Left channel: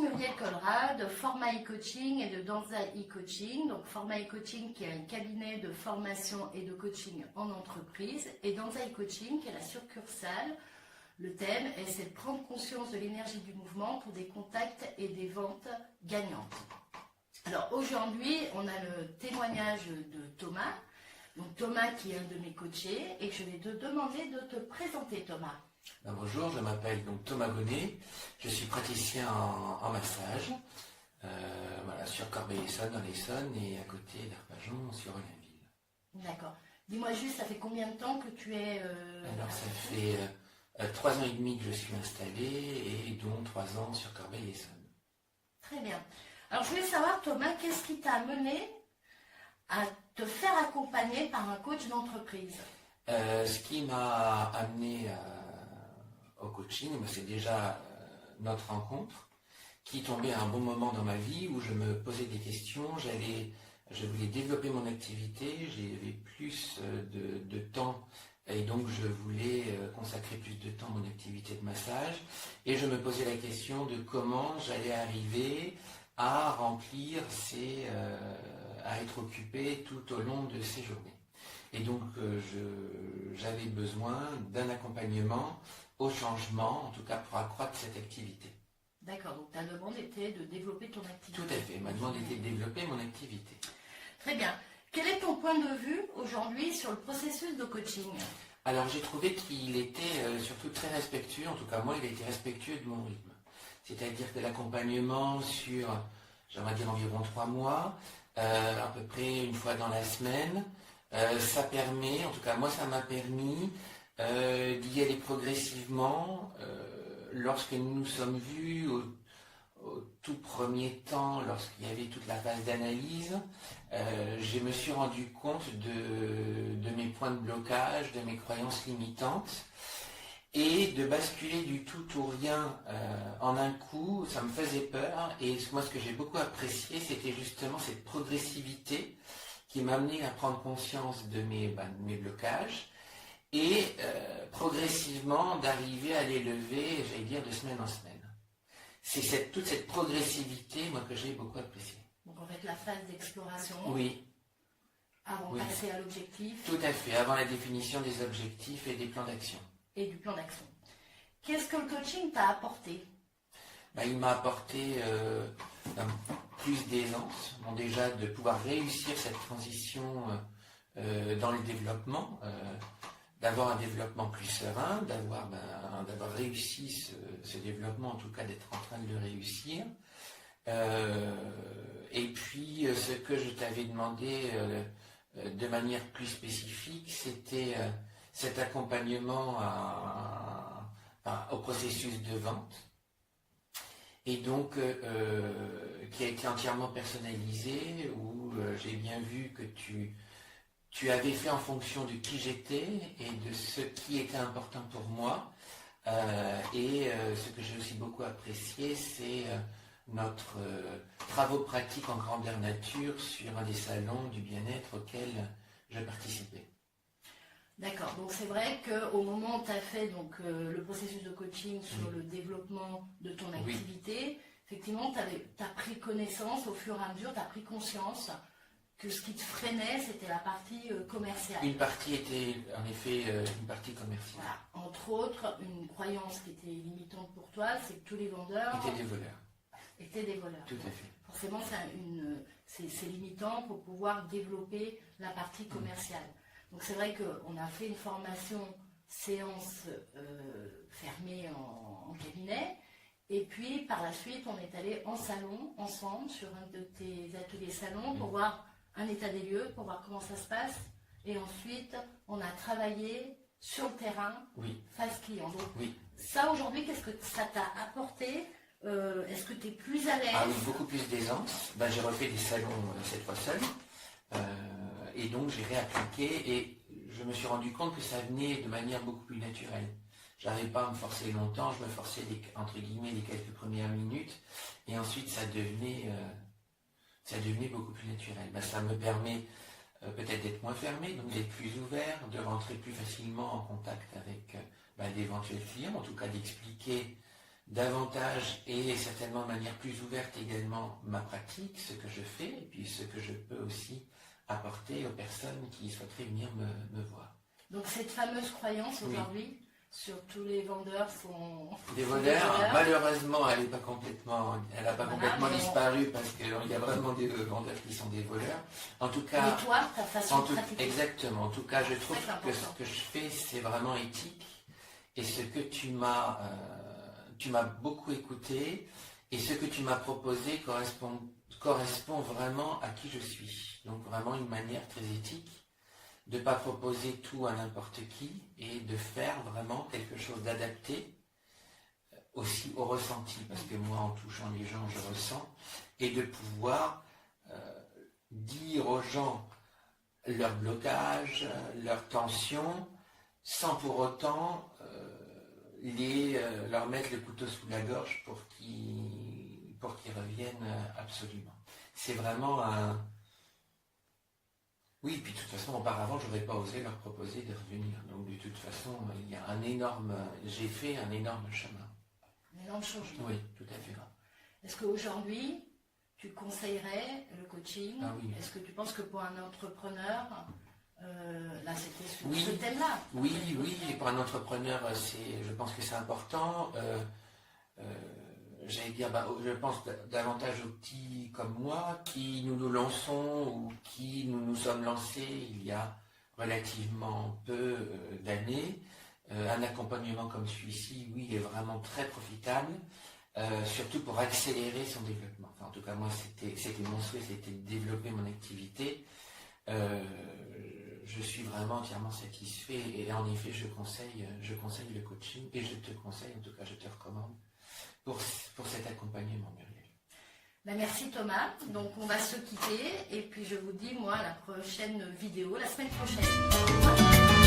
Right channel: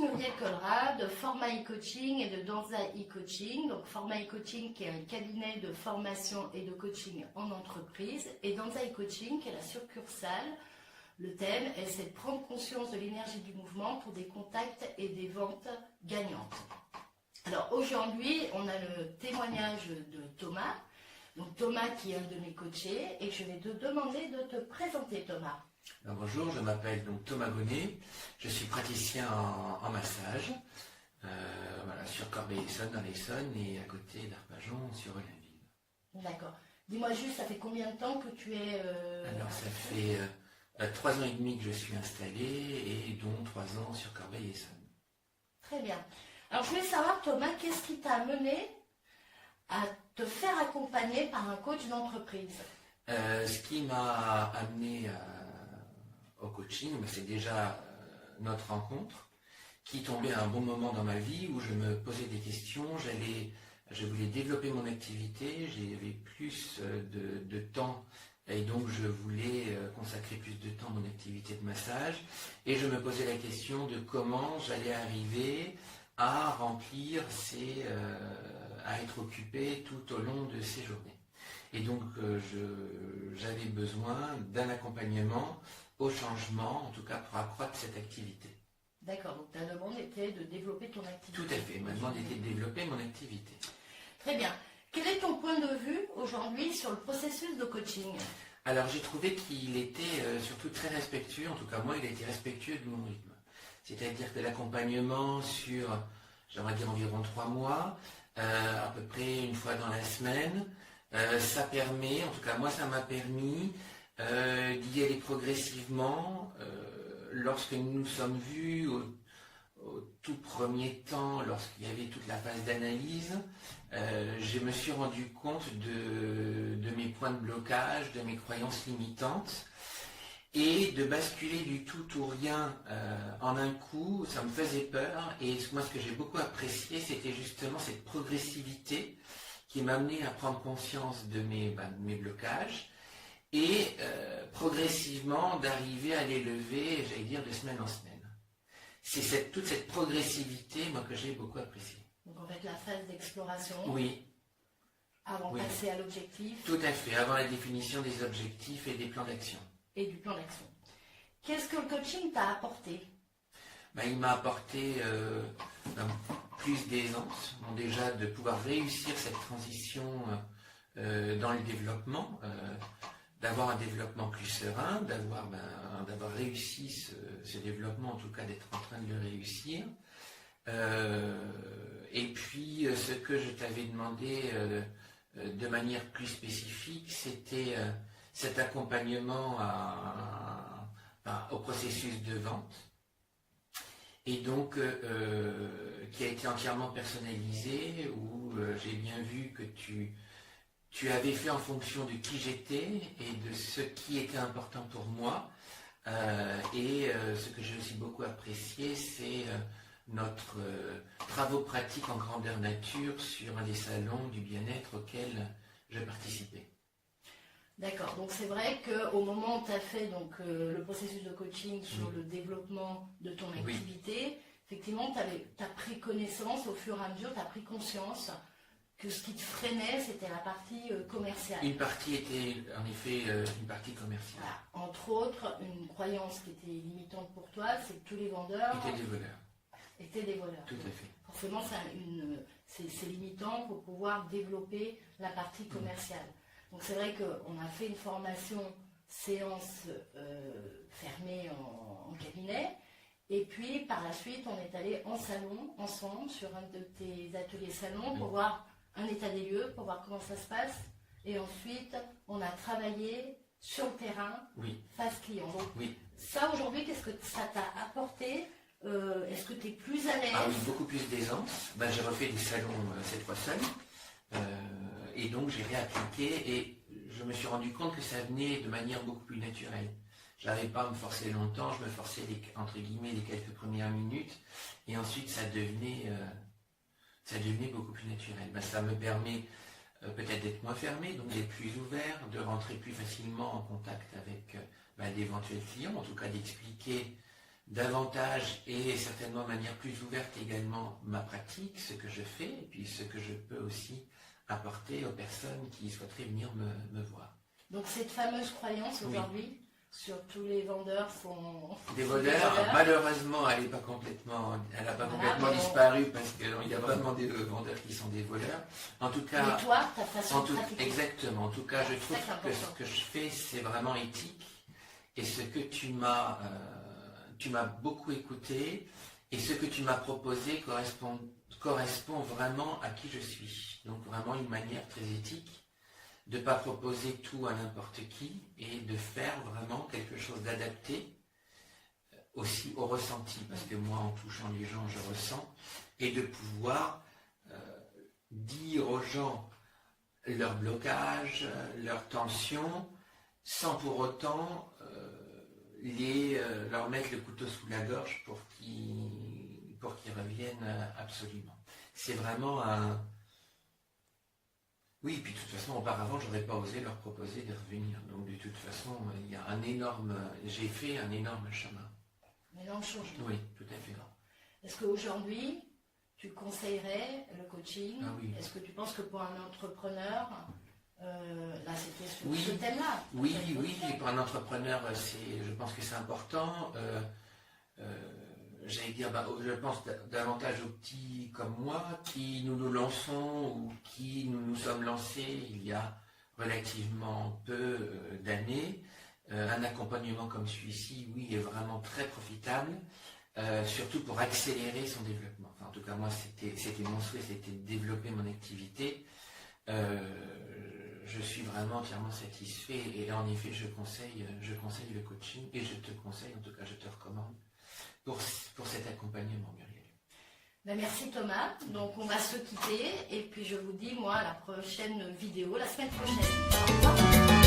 Muriel Conrad, Forma e-coaching et de Danza e-coaching. Donc Forma e-coaching qui est un cabinet de formation et de coaching en entreprise et Danza e-coaching qui est la succursale. Le thème c'est de prendre conscience de l'énergie du mouvement pour des contacts et des ventes gagnantes. Alors aujourd'hui, on a le témoignage de Thomas. Donc Thomas qui est un de mes coachés et je vais te demander de te présenter Thomas. Bonjour, je m'appelle donc Thomas Bonnet, je suis praticien en massage, voilà, sur Corbeil-Essonnes dans l'Essonne et à côté d'Arpajon sur Olainville. D'accord. Dis-moi juste, ça fait combien de temps que tu es... Alors ça fait 3 ans et demi que je suis installé et dont 3 ans sur Corbeil-Essonnes. Très bien. Alors je voulais savoir Thomas, qu'est-ce qui t'a amené à te faire accompagner par un coach d'entreprise? Ce qui m'a amené au coaching, c'est déjà notre rencontre qui tombait à un bon moment dans ma vie où je me posais des questions, je voulais développer mon activité, j'avais plus de temps et donc je voulais consacrer plus de temps à mon activité de massage et je me posais la question de comment j'allais arriver à remplir à être occupé tout au long de ces journées. Et donc j'avais besoin d'un accompagnement au changement, en tout cas pour accroître cette activité. D'accord, donc ta demande était de développer ton activité. Tout à fait, ma demande était de développer mon activité. Très bien. Quel est ton point de vue aujourd'hui sur le processus de coaching? Alors j'ai trouvé qu'il était surtout très respectueux, en tout cas moi il a été respectueux de mon rythme. C'est-à-dire que l'accompagnement sur, j'aimerais dire environ 3 mois, à peu près une fois dans la semaine, ça permet, en tout cas moi ça m'a permis d'y aller progressivement. Lorsque nous nous sommes vus au tout premier temps, lorsqu'il y avait toute la phase d'analyse, je me suis rendu compte de mes points de blocage, de mes croyances limitantes, et de basculer du tout au rien en un coup, ça me faisait peur, et moi ce que j'ai beaucoup apprécié, c'était justement cette progressivité qui m'a amené à prendre conscience de mes blocages, et progressivement d'arriver à les lever, j'allais dire, de semaine en semaine. C'est toute cette progressivité, moi, que j'ai beaucoup appréciée. Donc en fait, la phase d'exploration. Oui. Avant de passer à l'objectif. Tout à fait, avant la définition des objectifs et des plans d'action. Et du plan d'action. Qu'est-ce que le coaching t'a apporté? Il m'a apporté plus d'aisance, déjà de pouvoir réussir cette transition dans le développement, d'avoir un développement plus serein, d'avoir réussi ce développement, en tout cas d'être en train de le réussir. Et puis ce que je t'avais demandé de manière plus spécifique, c'était cet accompagnement au processus de vente, et donc qui a été entièrement personnalisé, où j'ai bien vu que tu avais fait en fonction de qui j'étais et de ce qui était important pour moi. Et ce que j'ai aussi beaucoup apprécié, c'est notre travaux pratiques en grandeur nature sur un des salons du bien-être auquel je participais. D'accord, donc c'est vrai qu'au moment où tu as fait le processus de coaching sur le développement de ton activité, effectivement, tu as pris connaissance au fur et à mesure, tu as pris conscience que ce qui te freinait, c'était la partie commerciale. Une partie était en effet une partie commerciale. Voilà. Entre autres, une croyance qui était limitante pour toi, c'est que tous les vendeurs étaient des voleurs. Tout à fait. Forcément, c'est limitant pour pouvoir développer la partie commerciale. Donc c'est vrai qu'on a fait une formation séance fermée en cabinet. Et puis par la suite, on est allé en salon ensemble sur un de tes ateliers salon pour voir un état des lieux, pour voir comment ça se passe. Et ensuite, on a travaillé sur le terrain, face client. Donc ça aujourd'hui, qu'est-ce que ça t'a apporté? Est-ce que tu es plus à l'aise? Ah oui, beaucoup plus d'aisance. J'ai refait des salons cette fois seul. Et donc j'ai réappliqué et je me suis rendu compte que ça venait de manière beaucoup plus naturelle. Je n'arrivais pas à me forcer longtemps, je me forçais entre guillemets les quelques premières minutes et ensuite ça devenait beaucoup plus naturel. Ça me permet peut-être d'être moins fermé, donc d'être plus ouvert, de rentrer plus facilement en contact avec d'éventuels clients, en tout cas d'expliquer davantage et certainement de manière plus ouverte également ma pratique, ce que je fais, et puis ce que je peux aussi apporter aux personnes qui souhaiteraient venir me voir. Donc cette fameuse croyance aujourd'hui, sur tous les vendeurs sont des voleurs. Malheureusement, elle n'a pas complètement disparu parce qu'il y a vraiment des vendeurs qui sont des voleurs. En tout cas, et toi, ta façon de pratiquer. Exactement. En tout cas, je trouve que ce que je fais, c'est vraiment éthique. Et ce que tu m'as beaucoup écouté et ce que tu m'as proposé correspond vraiment à qui je suis. Donc vraiment une manière très éthique de ne pas proposer tout à n'importe qui et de faire vraiment quelque chose d'adapté aussi au ressenti, parce que moi, en touchant les gens, je ressens, et de pouvoir dire aux gens leur blocage, leur tension, sans pour autant leur mettre le couteau sous la gorge pour qu'ils reviennent absolument. C'est vraiment un... Oui, puis de toute façon, auparavant, je n'aurais pas osé leur proposer de revenir. Donc de toute façon, il y a j'ai fait un énorme chemin. Un énorme changement. Oui, tout à fait. Est-ce qu'aujourd'hui, tu conseillerais le coaching? Oui. Est-ce que tu penses que pour un entrepreneur, là c'était sur ce thème-là? Oui, et pour un entrepreneur, je pense que c'est important. J'allais dire, je pense davantage aux petits comme moi, qui nous lançons ou qui nous sommes lancés il y a relativement peu d'années. Un accompagnement comme celui-ci, oui, est vraiment très profitable, surtout pour accélérer son développement. Enfin, en tout cas, moi, c'était mon souhait, c'était de développer mon activité. Je suis vraiment entièrement satisfait et en effet, je conseille le coaching et je te conseille, en tout cas, je te recommande pour cet accompagnement, Muriel. Merci Thomas. Donc on va se quitter et puis je vous dis moi à la prochaine vidéo la semaine prochaine. Au revoir.